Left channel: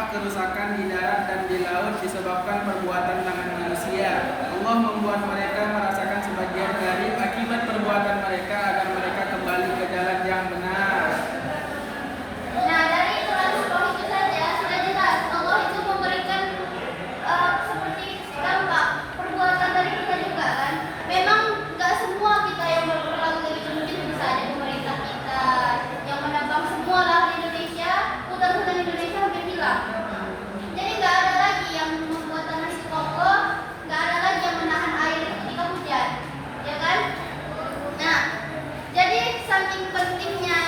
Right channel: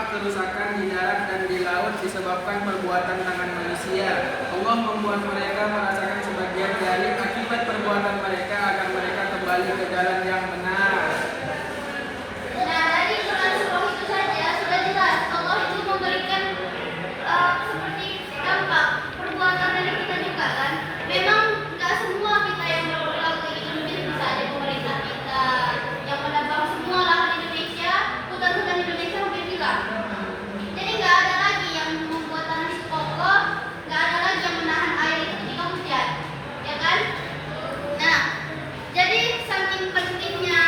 Apakah kerusakan di darat dan di laut disebabkan perbuatan tangan manusia? Allah membuat mereka merasakan sebagian dari akibat perbuatan mereka agar mereka kembali ke jalan yang benar. Nah, dari surat Nuh itu saja sudah jelas Allah itu memberikan seperti dampak perbuatan dari kita juga kan. Memang nggak semua kita yang berbuat kayak gitu, mungkin bisa ada pemerintah kita yang menambang semua lahan Indonesia, hutan-hutan Indonesia hampir hilang. Jadi nggak ada lagi yang membuat tanah itu kokoh, nggak ada lagi yang menahan air itu ketika hujan, ya kan? Nah, jadi saking pentingnya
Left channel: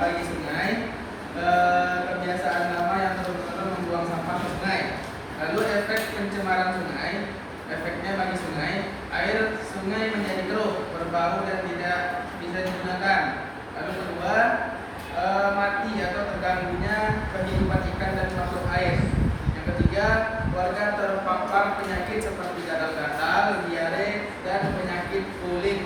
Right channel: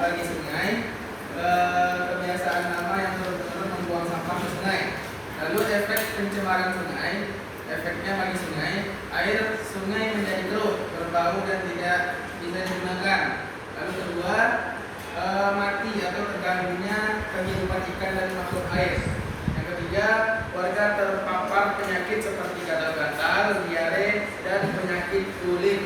bagi sungai, kebiasaan lama yang turun-temurun membuang sampah ke sungai. Lalu efek pencemaran sungai, efeknya bagi sungai, air sungai menjadi keruh, berbau dan tidak bisa digunakan. Lalu kedua, mati atau terganggunya kehidupan ikan dan makhluk air. Yang ketiga, warga terpapar penyakit seperti gatal-gatal, diare, dan penyakit kulit.